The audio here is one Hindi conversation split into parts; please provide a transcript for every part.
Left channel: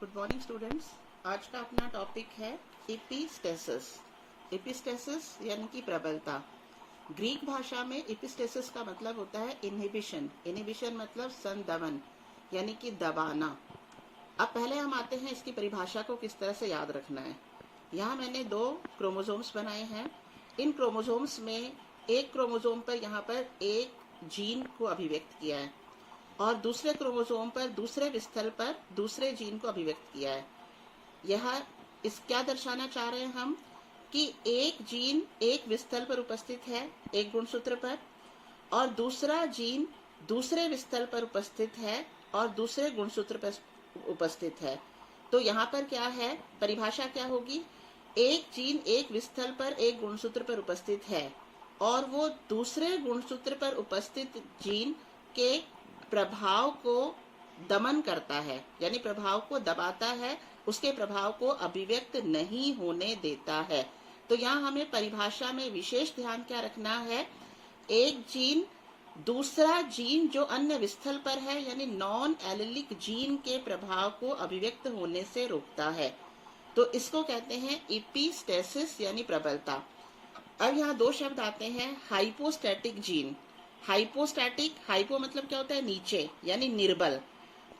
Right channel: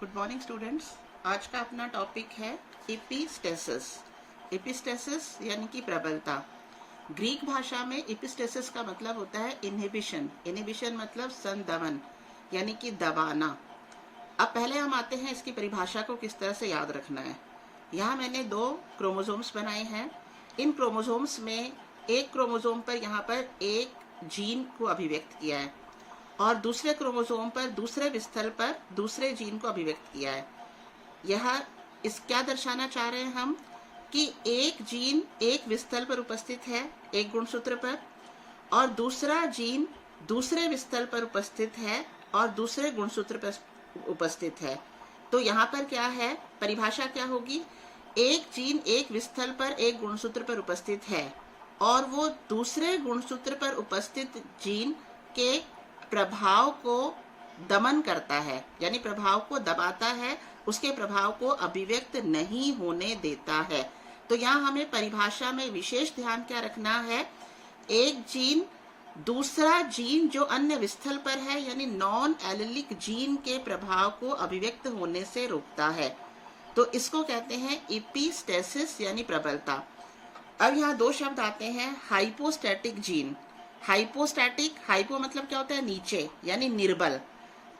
Good morning students. आज का अपना टॉपिक है एपिस्टेसिस। एपिस्टेसिस यानी कि प्रबलता। ग्रीक भाषा में एपिस्टेसिस का मतलब होता है इनहिबिशन। इनहिबिशन मतलब संदमन यानी कि दबाना। अब पहले हम आते हैं इसकी परिभाषा को किस तरह से याद रखना है। यहाँ मैंने 2 क्रोमोसोम्स बनाए हैं। इन क्रोमोसोम्स में एक क्रोमोसोम पर यहाँ पर एक जीन को अभिव्यक्त किया है और दूसरे क्रोमोसोम पर दूसरे विस्थल पर दूसरे जीन को अभिव्यक्त किया है। यह इस क्या दर्शाना चाह रहे हैं हम कि एक जीन एक विस्थल पर उपस्थित है एक गुणसूत्र पर, और दूसरा जीन दूसरे विस्थल पर उपस्थित है और दूसरे गुणसूत्र पर उपस्थित है। तो यहाँ पर क्या है, परिभाषा क्या होगी, एक जीन एक विस्थल पर एक गुणसूत्र पर उपस्थित है और वो दूसरे गुणसूत्र पर उपस्थित जीन के प्रभाव को दमन करता है, यानी प्रभाव को दबाता है, उसके प्रभाव को अभिव्यक्त नहीं होने देता है। तो यहाँ हमें परिभाषा में विशेष ध्यान क्या रखना है, एक जीन दूसरा जीन जो अन्य विस्थल पर है यानी नॉन एलिलिक जीन के प्रभाव को अभिव्यक्त होने से रोकता है। तो इसको कहते हैं एपिस्टेसिस यानी प्रबलता। अब यहाँ 2 शब्द आते हैं, हाइपोस्टैटिक जीन। हाइपोस्टैटिक, हाइपो मतलब क्या होता है, नीचे यानी निर्बल,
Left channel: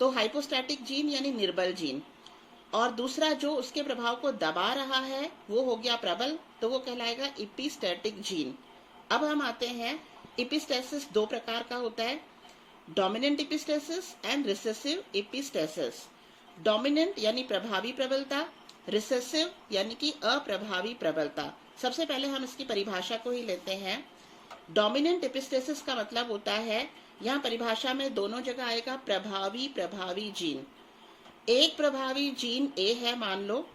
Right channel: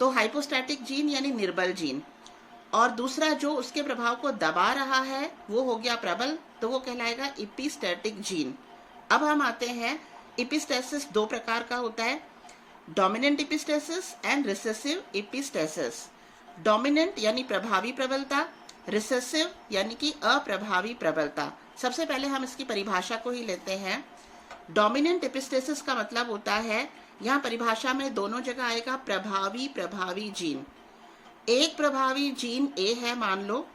तो हाइपोस्टैटिक जीन यानी निर्बल जीन। और दूसरा जो उसके प्रभाव को दबा रहा है वो हो गया प्रबल, तो वो कहलाएगा एपिस्टैटिक जीन। अब हम आते हैं, एपिस्टेसिस 2 प्रकार का होता है, dominant epistasis and recessive epistasis. Dominant यानी प्रभावी प्रबलता, रिसेसिव यानी कि अप्रभावी प्रबलता। सबसे पहले हम इसकी परिभाषा को ही लेते हैं। डोमिनेंट एपिस्टेसिस का मतलब होता है, यहाँ परिभाषा में दोनों जगह आएगा प्रभावी जीन। एक प्रभावी जीन ए है मान लो,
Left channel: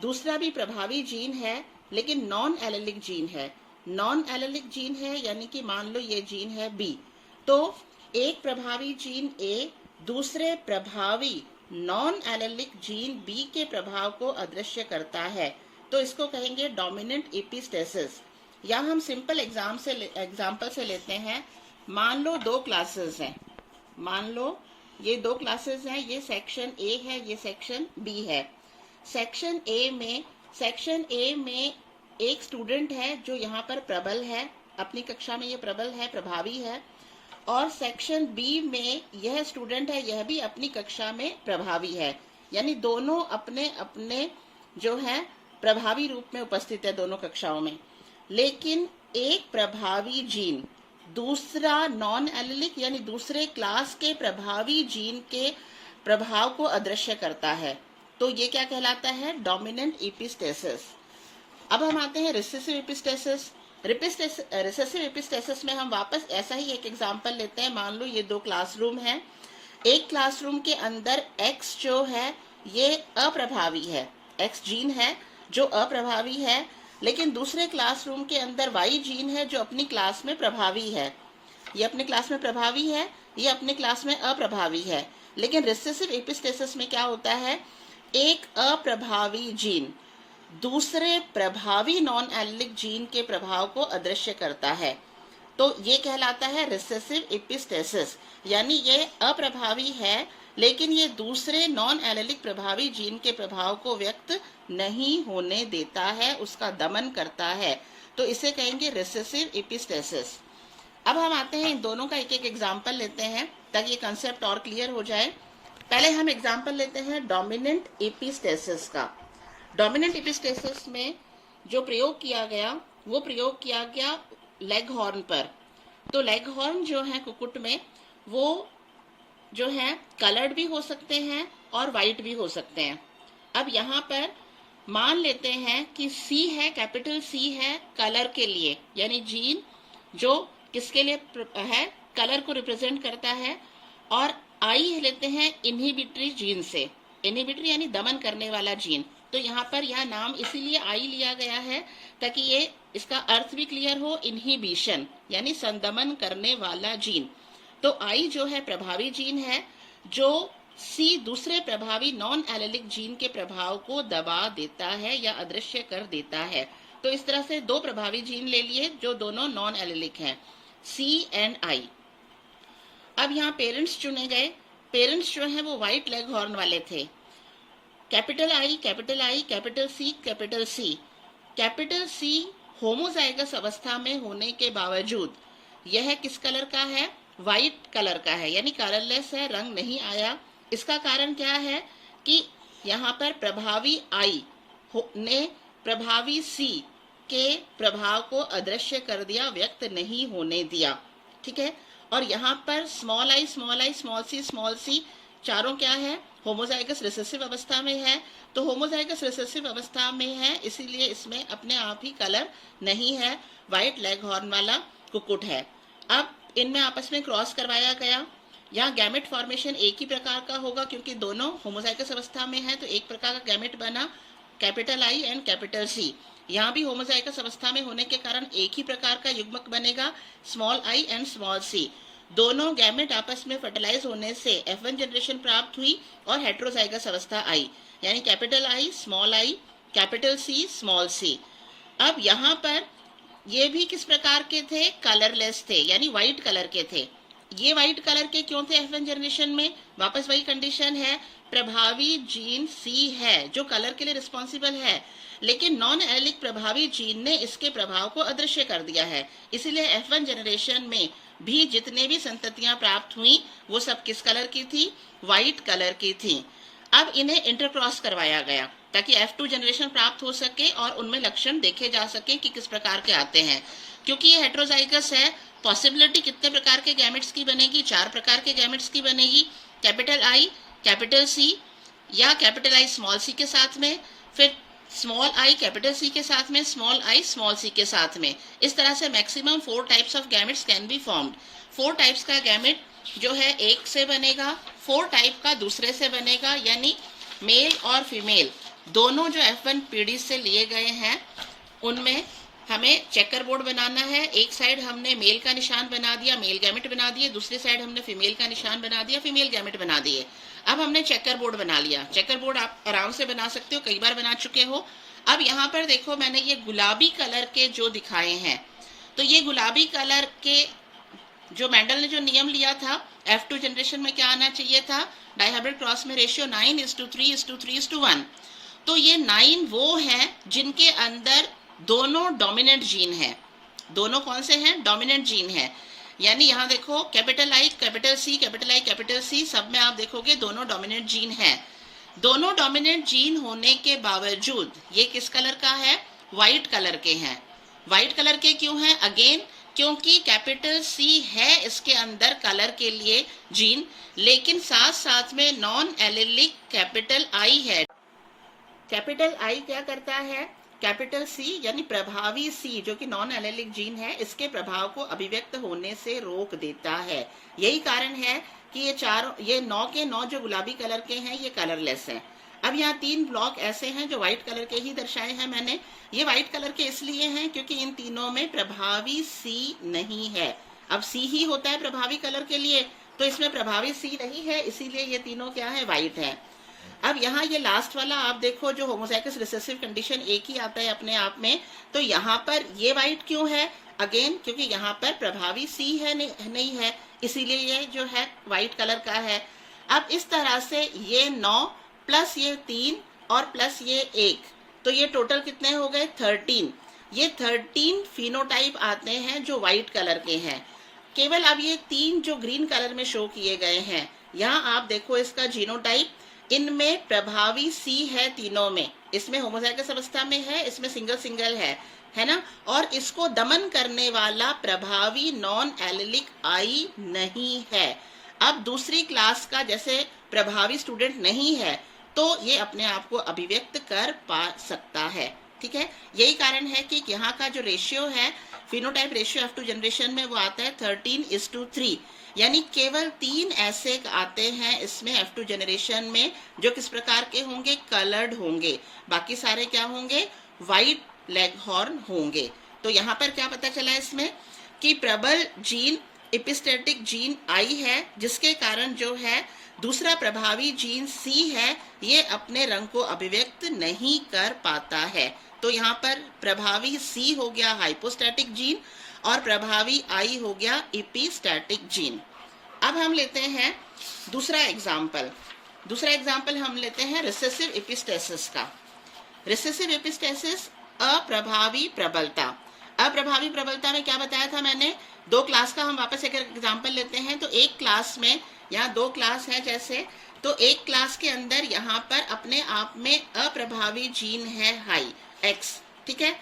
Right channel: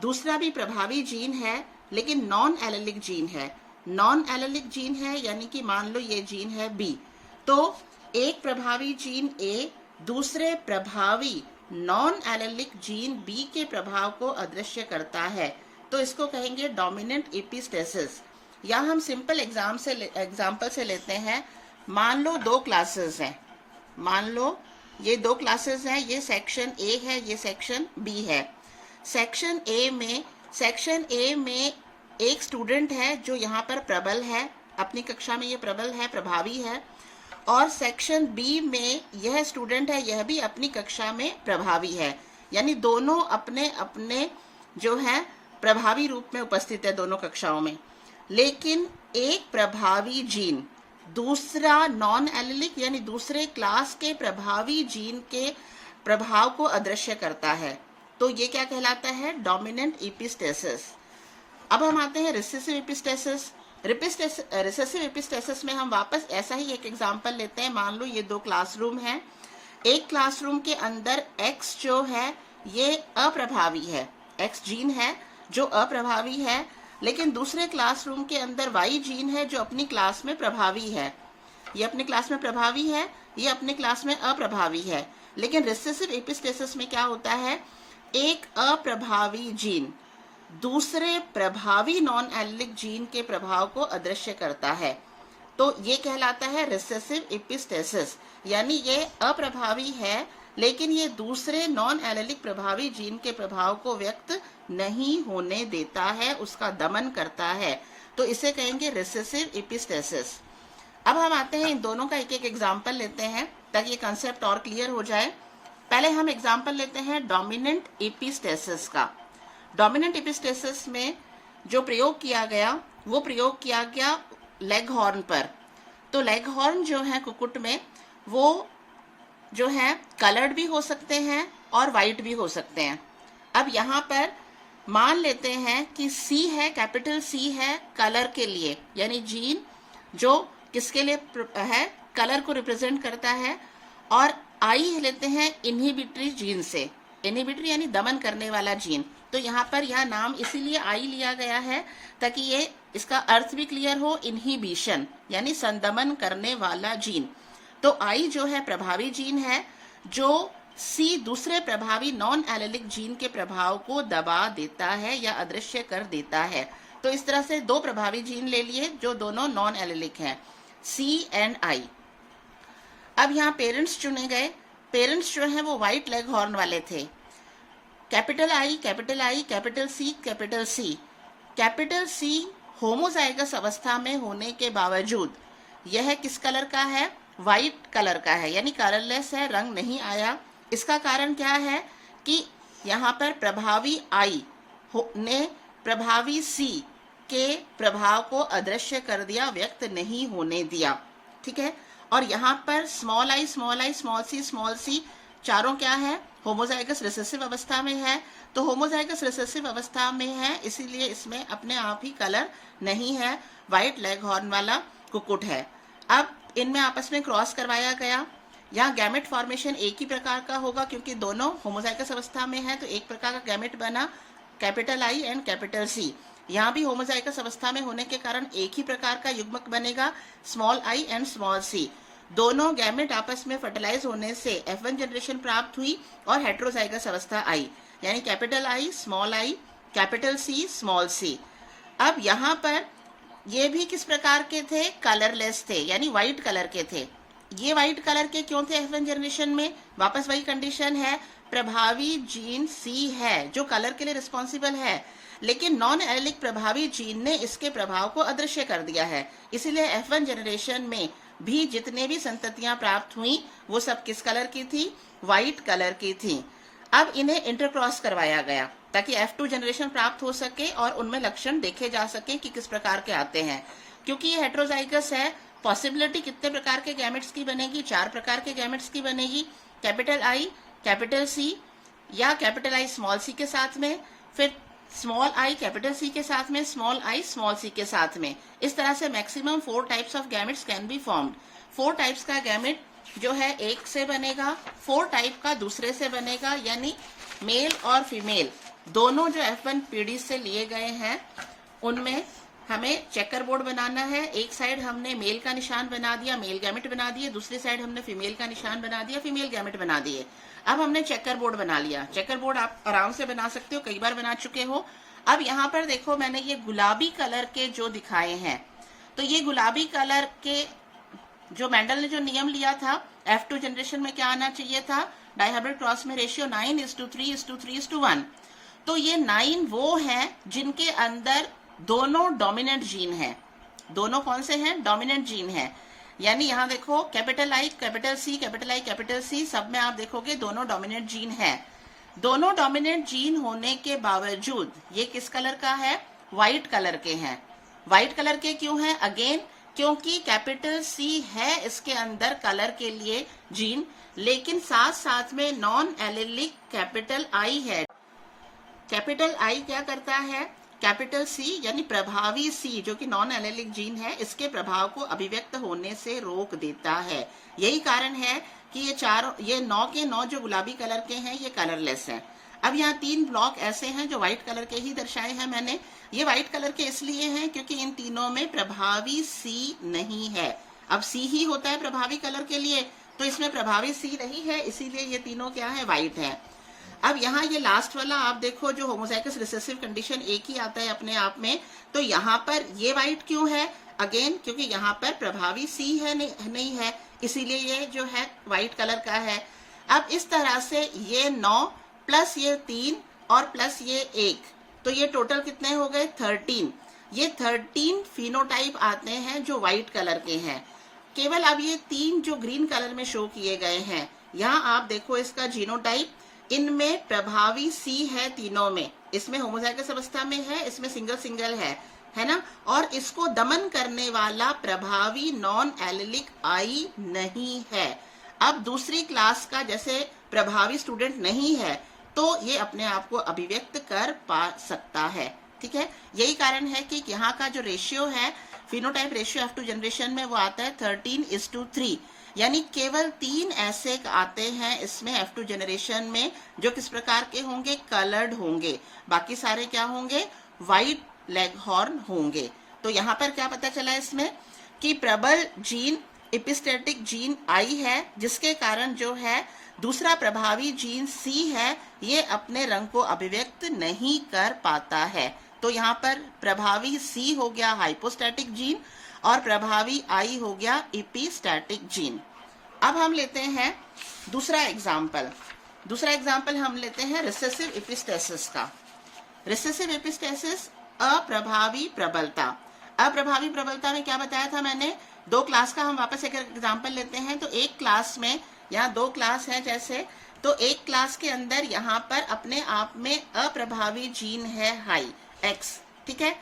दूसरा भी प्रभावी जीन है लेकिन नॉन एलिलिक जीन है। नॉन एलिलिक जीन है यानी कि मान लो ये जीन है बी, तो एक प्रभावी जीन ए दूसरे प्रभावी नॉन एलिलिक जीन बी के प्रभाव को अदृश्य करता है, तो इसको कहेंगे डोमिनेंट एपिस्टेसिस। या हम सिंपल एग्जाम्पल से लेते हैं। मान लो 2 क्लासेस हैं, मान लो ये 2 क्लासेस हैं, ये सेक्शन ए है, ये सेक्शन बी है। सेक्शन ए में एक स्टूडेंट है जो यहाँ पर प्रबल है, अपनी कक्षा में ये प्रबल है, प्रभावी है, और सेक्शन बी में यह स्टूडेंट है, यह भी अपनी कक्षा में प्रभावी है, यानी दोनों अपने अपने जो है प्रभावी रूप में उपस्थित है दोनों कक्षाओं में। लेकिन एक प्रभावी जीन दूसरा नॉन एलिलिक यानी दूसरे क्लास के प्रभावी जीन के प्रभाव को अदृश्य करता है, तो ये क्या कहलाता है, डोमिनेंट एपिस्टेसिस। अब हम आते हैं रिसेसिव एपिस्टेसिस। रिसेसिव एपिस्टेसिस में हम वापस ऐसा ही एक एग्जांपल लेते हैं। मान लो ये 2 क्लासरूम हैं, एक क्लासरूम के अंदर एक्स जो है ये अप्रभावी है, एक्स जीन है जो अप्रभावी है, लेकिन दूसरे क्लासरूम के अंदर वाई जीन है जो अपनी क्लास में प्रभावी है। ये अपनी क्लास में प्रभावी है, ये अपनी क्लास में अप्रभावी है। लेकिन रिसेसिव एपिस्टेसिस में क्या होता है, एक अप्रभावी जीन दूसरे प्रभावी नॉन एलिलिक जीन के प्रभाव को अदृश्य करता है, तो ये कहलाता है रिसेसिव एपिस्टेसिस। यानी ये अप्रभावी है लेकिन ये दूसरे नॉन एलिलिक प्रभावी जीन के प्रभाव को व्यक्त नहीं होने देता है, उसका दमन करता है, तो इसे कहेंगे रिसेसिव एपिस्टेसिस। अब हम आते हैं, इन दोनों का एक एक एग्जाम्पल लेते हैं ताकि ये कंसेप्ट और क्लियर हो जाए। पहले हम एग्जाम्पल लेते हैं डोमिनेंट एपिस्टेसिस का। डोमिनेंट एपिस्टेसिस में जो प्रयोग किया गया वो प्रयोग किया गया लेग हॉर्न पर। तो लेग हॉर्न जो है कुक्कुट में वो जो है कलर्ड भी हो सकते हैं और वाइट भी हो सकते हैं। अब यहाँ पर मान लेते हैं कि सी है, कैपिटल सी है कलर के लिए, यानी जीन जो किसके लिए है, कलर को रिप्रेजेंट करता है, और आई लेते हैं इनहिबिटरी जीन से, इनहिबिटरी यानी दमन करने वाला जीन। तो यहाँ पर यह नाम इसीलिए आई लिया गया है ताकि ये इसका अर्थ भी क्लियर हो, इनहिबिशन यानी संदमन करने वाला जीन। तो आई जो है प्रभावी जीन है जो सी दूसरे प्रभावी नॉन एलिलिक जीन के प्रभाव को दबा देता है या अदृश्य कर देता है। तो इस तरह से 2 प्रभावी जीन ले लिए जो दोनों नॉन एलिलिक हैं, सी एंड आई। अब यहाँ पेरेंट्स चुने गए, पेरेंट्स जो हैं वो व्हाइट लेग हॉर्न वाले थे। Capital I, capital I, capital C, capital C. Capital C homozygous अवस्था में होने के बावजूद यह किस कलर का है? वाइट कलर का है, यानी कलरलेस है, रंग नहीं आया। इसका कारण क्या है कि यहाँ पर प्रभावी आई ने प्रभावी सी के प्रभाव को अदृश्य कर दिया, व्यक्त नहीं होने दिया। ठीक है, और यहाँ पर small I, small I, small C चारों क्या है? होमोजाइगस रिसेसिव अवस्था में है। तो होमोजाइगस रिसेसिव अवस्था में है, इसीलिए इसमें अपने आप ही कलर नहीं है, व्हाइट लेग हॉर्न वाला कुक्कुट है। अब इनमें आपस में क्रॉस करवाया गया। यहाँ गैमेट फॉर्मेशन एक ही प्रकार का होगा, क्योंकि दोनों होमोजाइगस अवस्था में है, तो एक प्रकार का गैमेट बना, capital I and capital C. यहाँ भी होमोजाइगस अवस्था में होने के कारण एक ही प्रकार का युग्मक बनेगा, small I and small C. दोनों गैमेट आपस में फर्टिलाइज होने से F1 जनरेशन प्राप्त हुई और हेट्रोजाइगस अवस्था आई, यानी capital I, small I, capital C, small C. अब यहाँ पर ये भी किस प्रकार के थे? कलरलेस थे, यानी व्हाइट कलर के थे। ये व्हाइट कलर के क्यों थे F1 जनरेशन में? वापस वही कंडीशन है, प्रभावी जीन सी है जो कलर के लिए रिस्पॉन्सिबल है, लेकिन नॉन एलिक प्रभावी जीन ने इसके प्रभाव को अदृश्य कर दिया है। इसीलिए F1 जनरेशन में भी जितने भी संततियां प्राप्त हुई वो सब किस कलर की थी? व्हाइट कलर की थी। अब इन्हें इंटरक्रॉस करवाया गया ताकि F2 जनरेशन प्राप्त हो सके और उनमें लक्षण देखे जा सके कि किस प्रकार के आते हैं। क्योंकि ये हेट्रोजाइगस है, पॉसिबिलिटी कितने प्रकार के गैमेट्स की बनेगी? 4 प्रकार के गैमेट्स की बनेगी, कैपिटल आई, कैपिटल सी, या कैपिटल आई स्मॉल सी के साथ में, फिर स्मॉल आई कैपिटल सी के साथ में, स्मॉल आई स्मॉल सी के साथ में। इस तरह से maximum 4 types of gametes can be formed. 4 types का गैमेट जो है एक से बनेगा, 4 टाइप का दूसरे से बनेगा, यानी मेल और फीमेल दोनों जो F1 पीढ़ी से लिए गए हैं उनमें हमें चेकर बोर्ड बनाना है। एक साइड हमने मेल का निशान बना दिया, मेल गैमेट बना दिए, दूसरी साइड हमने फीमेल का निशान बना दिया, फीमेल गैमेट बना दिए। अब हमने चेकर बोर्ड बना लिया। चेकर बोर्ड आप आराम से बना सकते हो, कई बार बना चुके हो। अब यहाँ पर देखो, मैंने ये गुलाबी कलर के जो दिखाए हैं, तो ये गुलाबी कलर के जो मेंडल ने जो नियम लिया था F2 जनरेशन में क्या आना चाहिए था? डाइहाइब्रिड क्रॉस में रेशियो 9:3:3:1। तो ये 9 वो हैं जिनके अंदर दोनों डोमिनेंट जीन है। दोनों कौन से हैं? डोमिनेंट जीन है। यानी यहाँ देखो, capital I capital C, capital I capital C, सब में आप देखोगे दोनों डोमिनेंट जीन है। दोनों डोमिनेंट जीन होने के बावजूद ये किस कलर का है? व्हाइट कलर के हैं। व्हाइट कलर के क्यों हैं? अगेन क्योंकि कैपिटल सी है इसके अंदर कलर के लिए जीन, लेकिन साथ साथ में नॉन एलिलिक कैपिटल आई है। कैपिटल आई क्या करता है? कैपिटल सी यानी प्रभावी सी जो कि नॉन एलिलिक जीन है, इसके प्रभाव को अभिव्यक्त होने से रोक देता है। यही कारण है कि ये 9 के 9 जो गुलाबी कलर के हैं ये कलरलेस हैं। अब यहाँ 3 ब्लॉक ऐसे हैं जो व्हाइट कलर के ही दर्शाए हैं मैंने। ये व्हाइट कलर के इसलिए हैं क्योंकि इन तीनों में प्रभावी सी नहीं है। अब सी ही होता है प्रभावी कलर के लिए, तो इसमें प्रभावी सी नहीं है, इसीलिए ये तीनों क्या है? व्हाइट है। अब यहाँ ये लास्ट वाला आप देखो, जो होमोजाइगस रिसेसिव कंडीशन एक ही आता है अपने आप में, तो यहाँ पर ये व्हाइट क्यों है? अगेन क्योंकि यहाँ पर प्रभावी सी है नहीं है, इसीलिए ये जो है व्हाइट कलर का है। अब इस तरह से ये 9 प्लस ये 3 और प्लस ये 1, तो ये टोटल कितने हो गए? 13। ये 13 फिनोटाइप आते हैं जो व्हाइट कलर के हैं। केवल अब ये 3 जो ग्रीन कलर में शो किए गए हैं, यहाँ आप देखो इसका जीनोटाइप, इनमें प्रभावी सी है तीनों में। इसमें होमोजाइगस अवस्था में है, इसमें सिंगल सिंगल है ना, और इसको दमन करने वाला प्रभावी नॉन एलिलिक आई नहीं है। अब दूसरी क्लास का जैसे प्रभावी स्टूडेंट नहीं है, तो ये अपने आप को अभिव्यक्त कर पा सकता है। ठीक है, यही कारण है कि यहाँ का जो रेशियो है, फिनोटाइप रेशियो F2 जनरेशन में, वो आता है 13:3, यानी केवल 3 ऐसे आते हैं इसमें F2 जनरेशन में जो किस प्रकार के होंगे? कलर्ड होंगे। बाकी सारे क्या होंगे? व्हाइट लेग हॉर्न होंगे। तो यहाँ पर क्या पता चला इसमें कि प्रबल जीन एपिस्टेटिक जीन आई है, जिसके कारण जो है दूसरा प्रभावी जीन सी है, ये अपने रंग को अभिव्यक्त नहीं कर पाता है। तो यहाँ पर प्रभावी सी हो गया हाइपोस्टैटिक जीन और प्रभावी आई हो गया एपिस्टैटिक जीन। अब हम लेते हैं दूसरा एग्जाम्पल। दूसरा एग्जाम्पल हम लेते हैं रिसेसिव एपिस्टेसिस का। रिसेसिव एपिस्टेसिस अप्रभावी प्रबलता। अप्रभावी प्रबलता में क्या बताया था मैंने, दो क्लास का हम वापस एक एग्जाम्पल लेते हैं। तो एक क्लास में, यहाँ दो क्लास है जैसे, तो एक क्लास के अंदर यहाँ पर अपने आप में अप्रभावी जीन है हाई एक्स, ठीक है,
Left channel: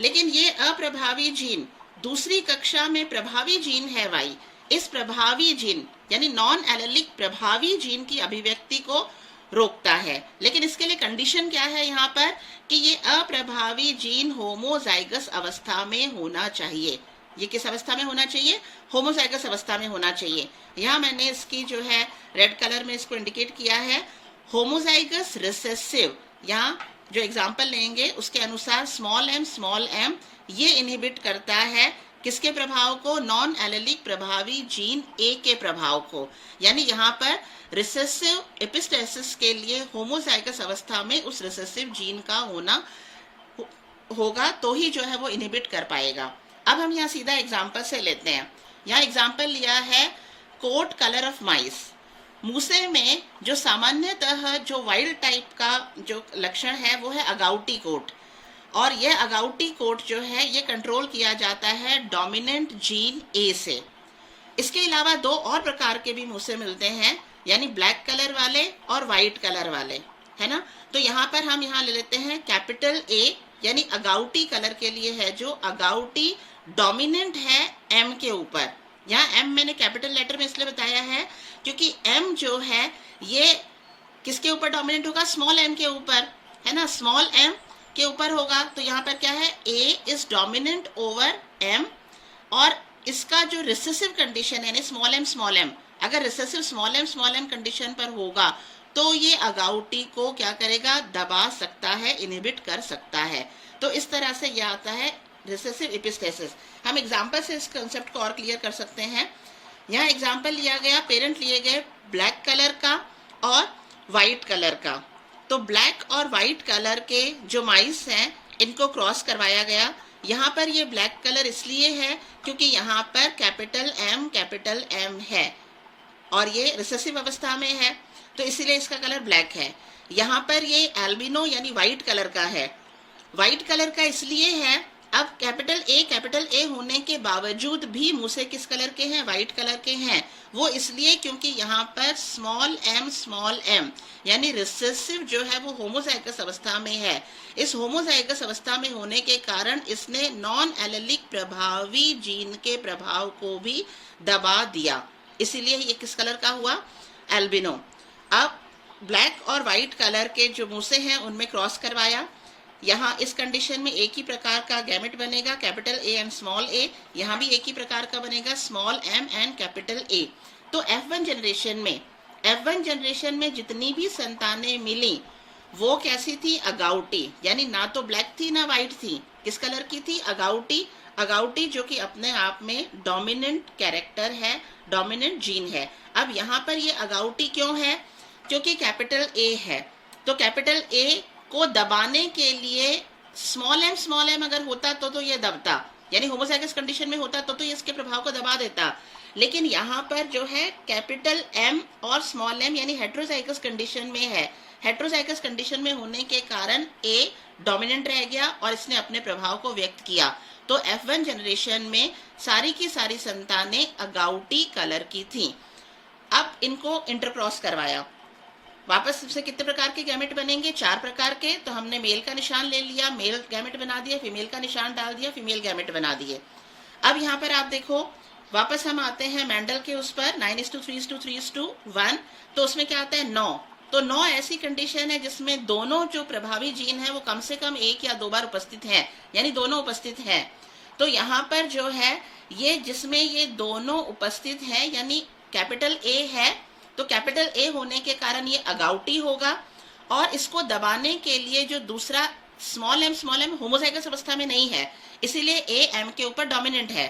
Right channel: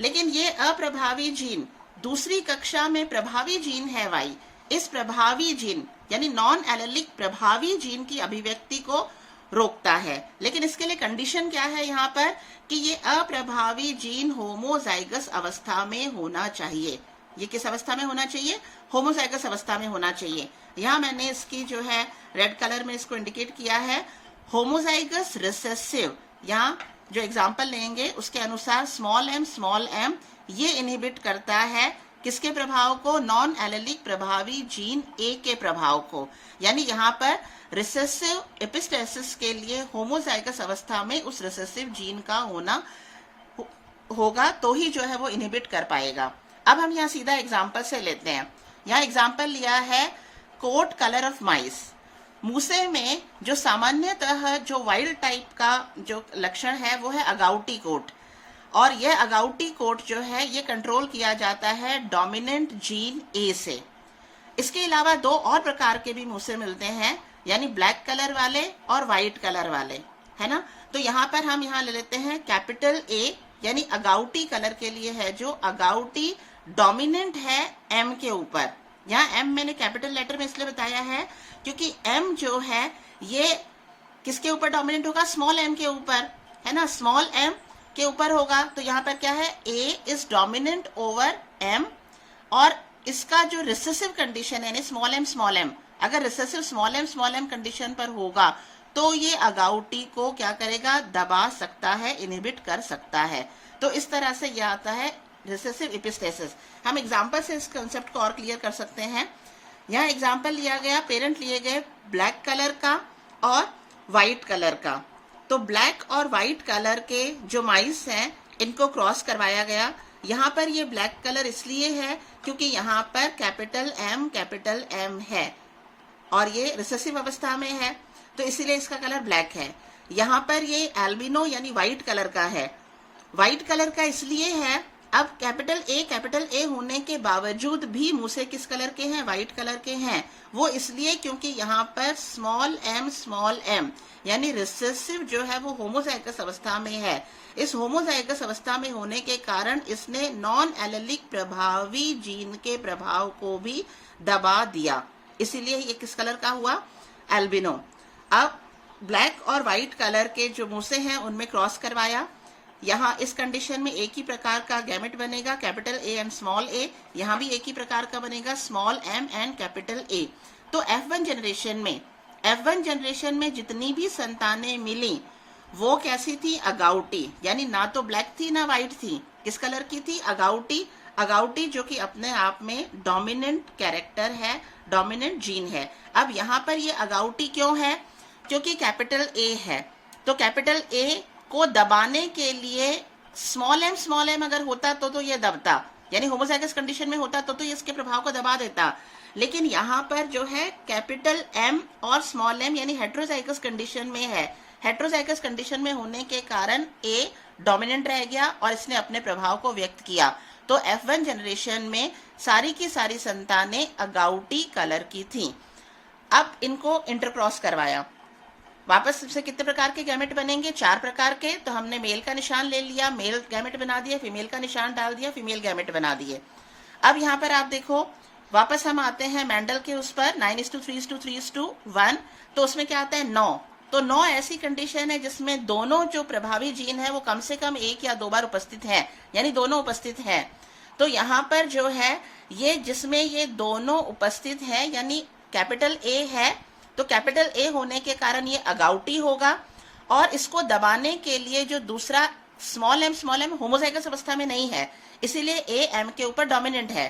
लेकिन ये अप्रभावी जीन दूसरी कक्षा में प्रभावी जीन है वाई। इस प्रभावी जीन यानी नॉन एलेलिक प्रभावी जीन की अभिव्यक्ति को रोकता है, लेकिन इसके लिए कंडीशन क्या है यहाँ पर कि ये अप्रभावी जीन होमोजाइगस अवस्था में होना चाहिए। ये किस अवस्था में होना चाहिए, होमोजाइगस अवस्था में होना चाहिए। यहाँ मैंने इसकी जो है रेड कलर में इसको इंडिकेट किया है, होमोजाइगस रिसेसिव। यहाँ जो एग्जाम्पल लेंगे उसके अनुसार स्मॉल एम ये इनहिबिट करता है किसके प्रभाव को, नॉन एलेलिक प्रभावी जीन ए के प्रभाव को। यानी यहाँ पर रिसेसिव एपिस्टेसिस के लिए होमोजाइगस अवस्था में उस रिसेसिव जीन का होना होगा तो ही जो है वो इनहिबिट कर पाएगा। अब हम यहाँ सीधा एग्जाम्पल से लेते हैं। यहाँ एग्जाम्पल लिया है कोट कलर ऑफ माइस। मूसे में जो सामान्यतः जो वाइल्ड टाइप का जो लक्षण है वो है अगाउटी कोट, और यह अगाउटी कोट जो है ये कंट्रोल किया जाता है डोमिनेंट जीन ए से। इसके अलावा दो और प्रकार के भी मूसे मिलते हैं, यानी ब्लैक कलर वाले और व्हाइट कलर वाले, है ना। तो यहाँ पर हम यहाँ ले लेते हैं कैपिटल ए, यानी अगाउटी कलर के लिए है जो अगाउटी डोमिनेंट है एम के ऊपर। यहाँ एम मैंने कैपिटल लेटर में इसलिए बताया है क्योंकि एम जो है ये किसके ऊपर डोमिनेंट होगा, स्मॉल एम के ऊपर, है ना, स्मॉल एम के ऊपर होगा। तो यहाँ पर क्या है, A is dominant over M, और इसका जो रिसेसिव कंडीशन है स्मॉल एम, अगर रिसेसिव स्मॉल एम कंडीशन पर होगा तो ये अगाउटी को क्या करेगा, दबा सकता है, इनहिबिट कर सकता है। तो इस तरह से यह आता है रिसेसिव एपिस्टेसिस। हम एग्जाम्पल से इस कंसेप्ट को और क्लियर कर सकते हैं। यहाँ एग्जाम्पल लिया गया, पेरेंट लिए गए ब्लैक कलर का और व्हाइट कलर का। तो ब्लैक और व्हाइट कलर के जो माइस हैं इनको क्रॉस करवाया गया। यहाँ पर ये ब्लैक कलर इसलिए है क्योंकि यहाँ पर कैपिटल एम है और ये रिसेसिव अवस्था में है, तो इसीलिए इसका कलर ब्लैक है। यहाँ पर ये एल्बिनो यानी व्हाइट कलर का है। व्हाइट कलर का इसलिए है, अब कैपिटल ए होने के बावजूद भी मूसे किस कलर के हैं, व्हाइट कलर के हैं। वो इसलिए क्योंकि यहाँ पर स्मॉल एम यानी रिसेसिव जो है वो होमोजाइगस अवस्था में है। इस होमोजाइगस अवस्था में होने के कारण इसने नॉन एलेलिक प्रभावी जीन के प्रभाव को भी दबा दिया, इसीलिए ये किस कलर का हुआ, एल्बिनो। अब ब्लैक और व्हाइट कलर के जो मूसे हैं उनमें क्रॉस करवाया। यहाँ इस कंडीशन में एक ही प्रकार का गैमेट बनेगा, capital A and small A. यहाँ भी एक ही प्रकार का बनेगा, small M and capital A. तो F1 जनरेशन में जितनी भी संतानें मिली वो कैसी थी, अगाउटी, यानी ना तो ब्लैक थी ना व्हाइट थी, किस कलर की थी, अगाउटी जो कि अपने आप में डोमिनेंट कैरेक्टर है, डोमिनेंट जीन है। अब यहाँ पर ये अगाउटी क्यों है, क्योंकि कैपिटल ए है। तो कैपिटल ए को दबाने के लिए स्मॉल एम अगर होता तो ये दबता, यानी होमोजाइगस कंडीशन में होता तो ये इसके प्रभाव को दबा देता। लेकिन यहाँ पर जो है कैपिटल एम और स्मॉल एम यानी हेट्रोजाइगस कंडीशन में है। हेट्रोजाइगस कंडीशन में होने के कारण ए डोमिनेंट रह गया और इसने अपने प्रभाव को व्यक्त किया। तो F1 जनरेशन में सारी की सारी संतानें अगाउटी कलर की थी। अब इनको इंटरक्रॉस करवाया, वापस से कितने प्रकार के गैमेट बनेंगे, 4 प्रकार के। तो हमने मेल का निशान ले लिया, मेल गैमेट बना दिया, फीमेल का निशान डाल दिया, फीमेल गैमेट बना दिए। अब यहाँ पर आप देखो, वापस हम आते हैं मेंडल के उस पर 9:3:3:1। तो उसमें क्या आता है, 9। तो 9 ऐसी कंडीशन है जिसमें दोनों जो प्रभावी जीन है वो कम से कम 1 या 2 बार उपस्थित हैं, यानी दोनों उपस्थित हैं। तो यहाँ पर जो है ये जिसमें ये दोनों उपस्थित हैं यानी कैपिटल ए है, तो कैपिटल ए होने के कारण ये अगाउटी होगा, और इसको दबाने के लिए जो दूसरा स्मॉल एम होमोजाइगस अवस्था में नहीं है, इसीलिए ए एम के ऊपर डोमिनेंट है।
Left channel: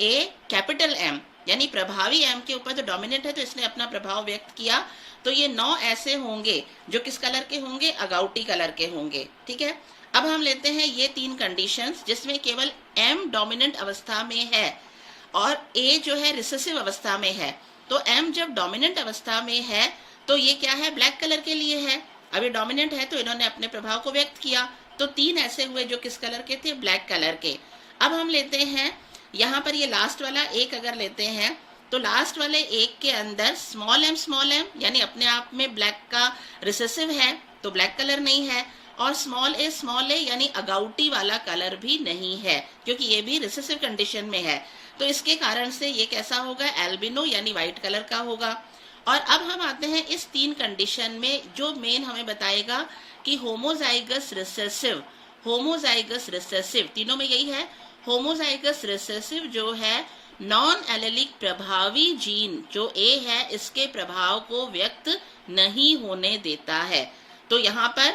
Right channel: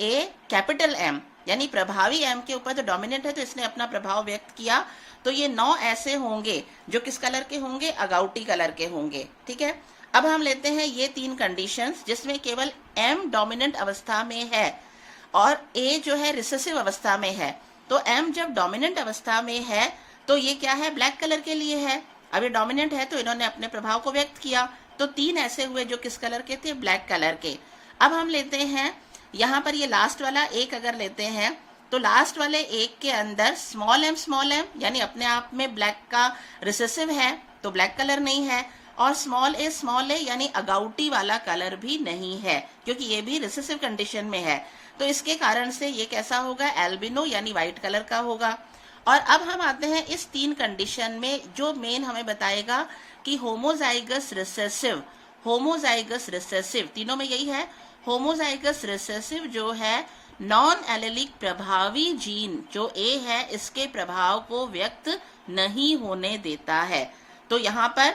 ए कैपिटल एम यानी प्रभावी एम के ऊपर जो डोमिनेंट है, तो इसने अपना प्रभाव व्यक्त किया। तो ये 9 ऐसे होंगे जो किस कलर के होंगे, अगाउटी कलर के होंगे, ठीक है। अब हम लेते हैं ये 3 कंडीशंस जिसमें केवल एम डोमिनेंट अवस्था में है और ए जो है रिसेसिव अवस्था में है। तो एम जब डोमिनेंट अवस्था में है तो ये क्या है, ब्लैक कलर के लिए है। अब ये डोमिनेंट है तो इन्होंने अपने प्रभाव को व्यक्त किया, तो 3 ऐसे हुए जो किस कलर के थे, ब्लैक कलर के। अब हम लेते हैं यहाँ पर ये लास्ट वाला एक अगर लेते हैं, तो लास्ट वाले एक के अंदर स्मॉल एम यानी अपने आप में ब्लैक का रिसेसिव है, तो ब्लैक कलर नहीं है, और स्मॉल ए यानी अगाउटी वाला कलर भी नहीं है, क्योंकि ये भी रिसेसिव कंडीशन में है। तो इसके कारण से ये कैसा होगा, एल्बिनो यानी व्हाइट कलर का होगा। और अब हम आते हैं इस 3 कंडीशन में, जो मेन हमें बताएगा कि होमोजाइगस रिसेसिव तीनों में यही है। होमोजाइगस रिसेसिव जो है नॉन एलेलिक प्रभावी जीन जो ए है, इसके प्रभाव को व्यक्त नहीं होने देता है। तो यहाँ पर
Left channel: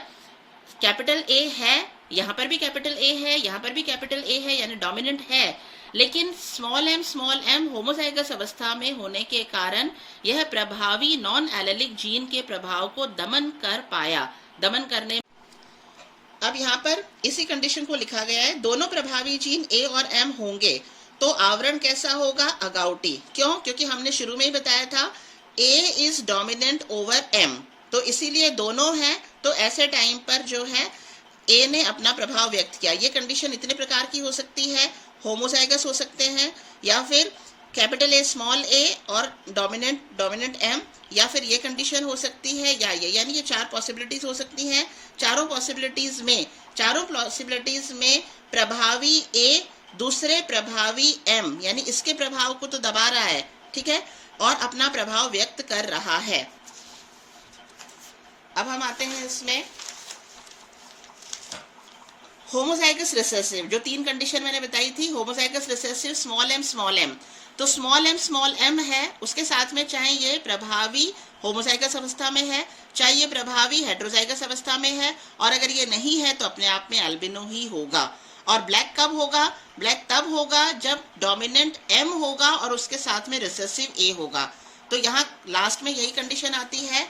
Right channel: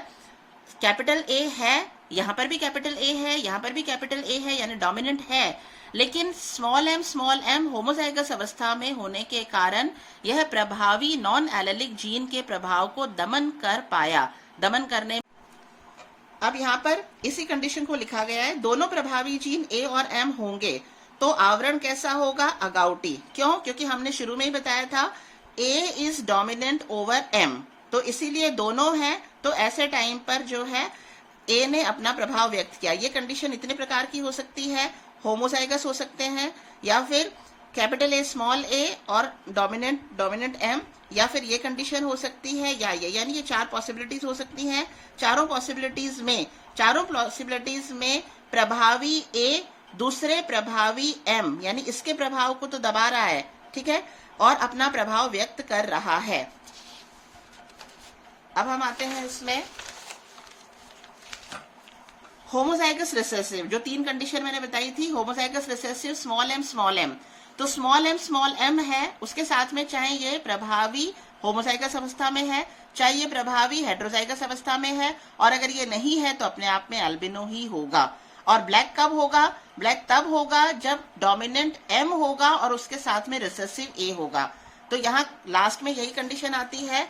कैपिटल ए है, यहाँ पर भी कैपिटल ए है, यहाँ पर भी कैपिटल ए है, यानी डोमिनेंट है, लेकिन स्मॉल एम होमोजाइगस अवस्था में होने के कारण यह प्रभावी नॉन एलेलिक जीन के प्रभाव को दमन कर पाया। दमन करने, अब यहाँ पर इसी कंडीशन को लिखा गया है, दोनों प्रभावी जीन ए और एम होंगे तो आवरण कैसा होगा, अगाउटी। क्यों, क्योंकि हमने शुरू में ही बताया था ए इज डोमिनेंट ओवर एम, तो इसीलिए दोनों हैं, तो ऐसे टाइम पर जो है ए ने अपना प्रभाव व्यक्त किया। ये कंडीशन इतने प्रकार की हो सकती है, होमोजाइगस हो सकते हैं, या फिर कैपिटल ए स्मॉल ए और डोमिनेंट एम, या फिर ये कंडीशन हो सकती है, या ये, यानी ये 4 पॉसिबिलिटीज हो सकती हैं। चारों पॉसिबिलिटीज में प्रभावी ए दूसरे प्रभावी एम यानी इसके प्रभाव को तो दबा रहा है, ठीक है, और अपना प्रभाव व्यक्त कर रहा है। अब हम आते हैं इसमें होमोजाइगस रिसेसिव, जो 3 कंडीशन मैंने बताई थी। होमोजाइगस रिसेसिव स्मॉल एम, तो स्मॉल एम है, उसके साथ में चाहे ये प्रभावी होमोजाइगस अवस्था में है, चाहे ये प्रभावी हेटेरोजाइगस अवस्था में है, और अगर ये नहीं है तो अपने आप में अल्बिनो ही होगा। और ब्लैक कब होगा, ब्लैक तब होगा जब डोमिनेंट एम होगा और उसके साथ में रिसेसिव ए होगा। तो यहाँ लास्ट में यही कंडीशन आती है,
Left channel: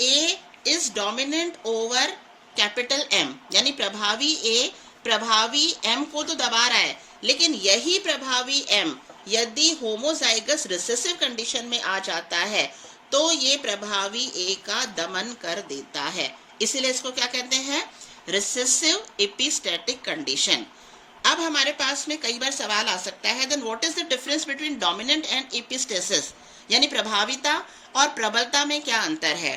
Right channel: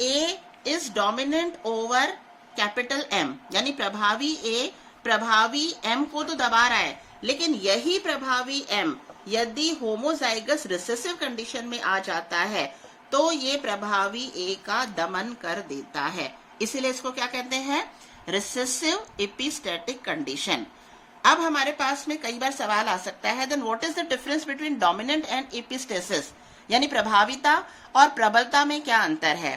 A is dominant over capital M, यानी प्रभावी ए प्रभावी एम को तो दबा रहा है, लेकिन यही प्रभावी एम यदि होमोजाइगस रिसेसिव कंडीशन में आ जाता है तो ये प्रभावी ए का दमन कर देता है, इसीलिए इसको क्या कहते हैं, रिसेसिव एपिस्टैटिक कंडीशन। अब हमारे पास में कई बार सवाल आ सकता है, then what is the difference between dominant and epistasis, यानी प्रभाविता और प्रबलता में क्या अंतर है।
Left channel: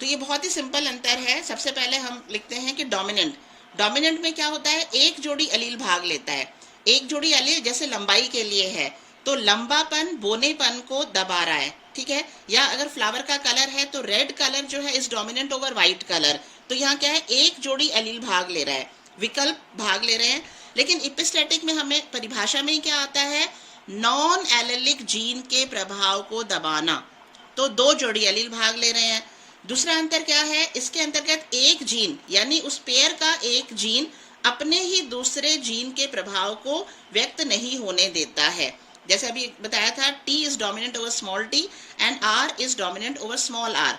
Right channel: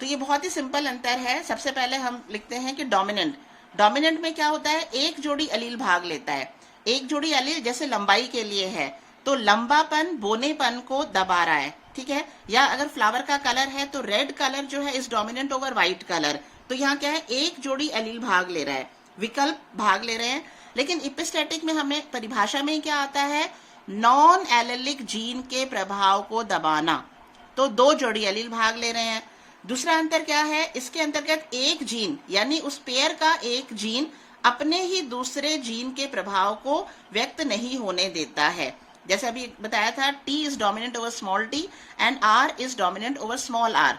तो ये बहुत ही सिंपल अंतर है। सबसे पहले हम लिखते हैं कि डोमिनेंट में क्या होता है, एक जोड़ी अलील भाग लेता है। एक जोड़ी अलील जैसे लंबाई के लिए है, तो लंबापन बोनेपन को दबा रहा है, ठीक है। या अगर फ्लावर का कलर है तो रेड कलर जो है is dominant over white colour, तो यहाँ क्या है, एक जोड़ी अलील भाग ले रहा है, विकल्प भाग ले रहे हैं। लेकिन एपिस्टैटिक में हमें परिभाषा में क्या आता है, नॉन एलेलिक जीन के प्रभाव को दबाना, तो 2 जोड़ी अलील भाग ले रहे हैं। दूसरा अंतर क्या है, इसके अंतर्गत एक जीन यानी उस पेयर का एक जीन अपने ही दूसरे जीन के प्रभाव को व्यक्त नहीं होने देता है। जैसे अभी बताया था, T is dominant over small t and R is dominant over small r।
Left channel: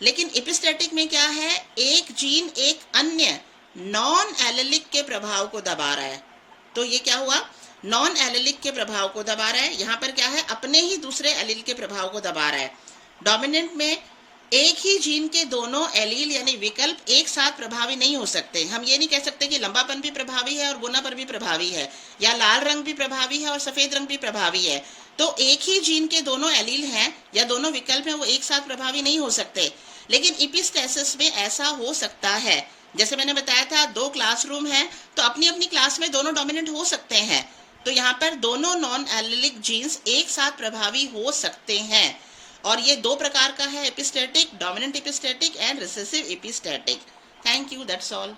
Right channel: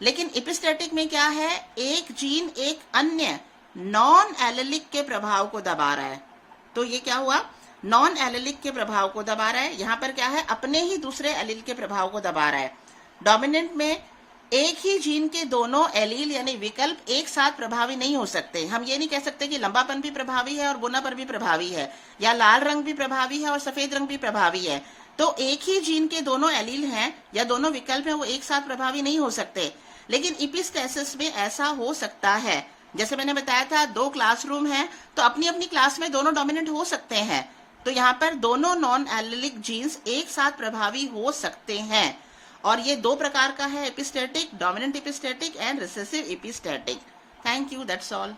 लेकिन एपिस्टैटिक में क्या है, एक जीन एक अन्य नॉन एलेलिक के प्रभाव को दबा रहा है, तो ये क्या हुआ, नॉन एलेलिक के प्रभाव को दबा रहा है। यहाँ पर क्या है, अपने ही दूसरे एलील के प्रभाव को दबा रहा है। डोमिनेंट में एक ही जीन के दोनों एलील यानी विकल्प एक साथ प्रभावी नहीं हो सकते। हम ये नहीं कह सकते कि लंबापन भी प्रभावी है और बोनापन भी प्रभावी है, या लाल रंग भी प्रभावी है और सफेद रंग भी प्रभावी है। तो एक ही जीन के दोनों एलील हैं या दोनों विकल्प हैं, वो एक साथ प्रभावी नहीं हो सकते। लेकिन एपिस्टेसिस में ऐसा हो सकता है। जैसे मैंने बताया था, 2 क्लासरूम हैं तो अपनी अपनी क्लास में दोनों डोमिनेंट हो सकते हैं, तो यहाँ पर दोनों नॉन एलेलिक जीन्स एक साथ प्रभावी हो सकते हैं। और ये 2 प्रकार का है, epistatic, dominant epistatic and recessive epistatic. Thank you, that's all.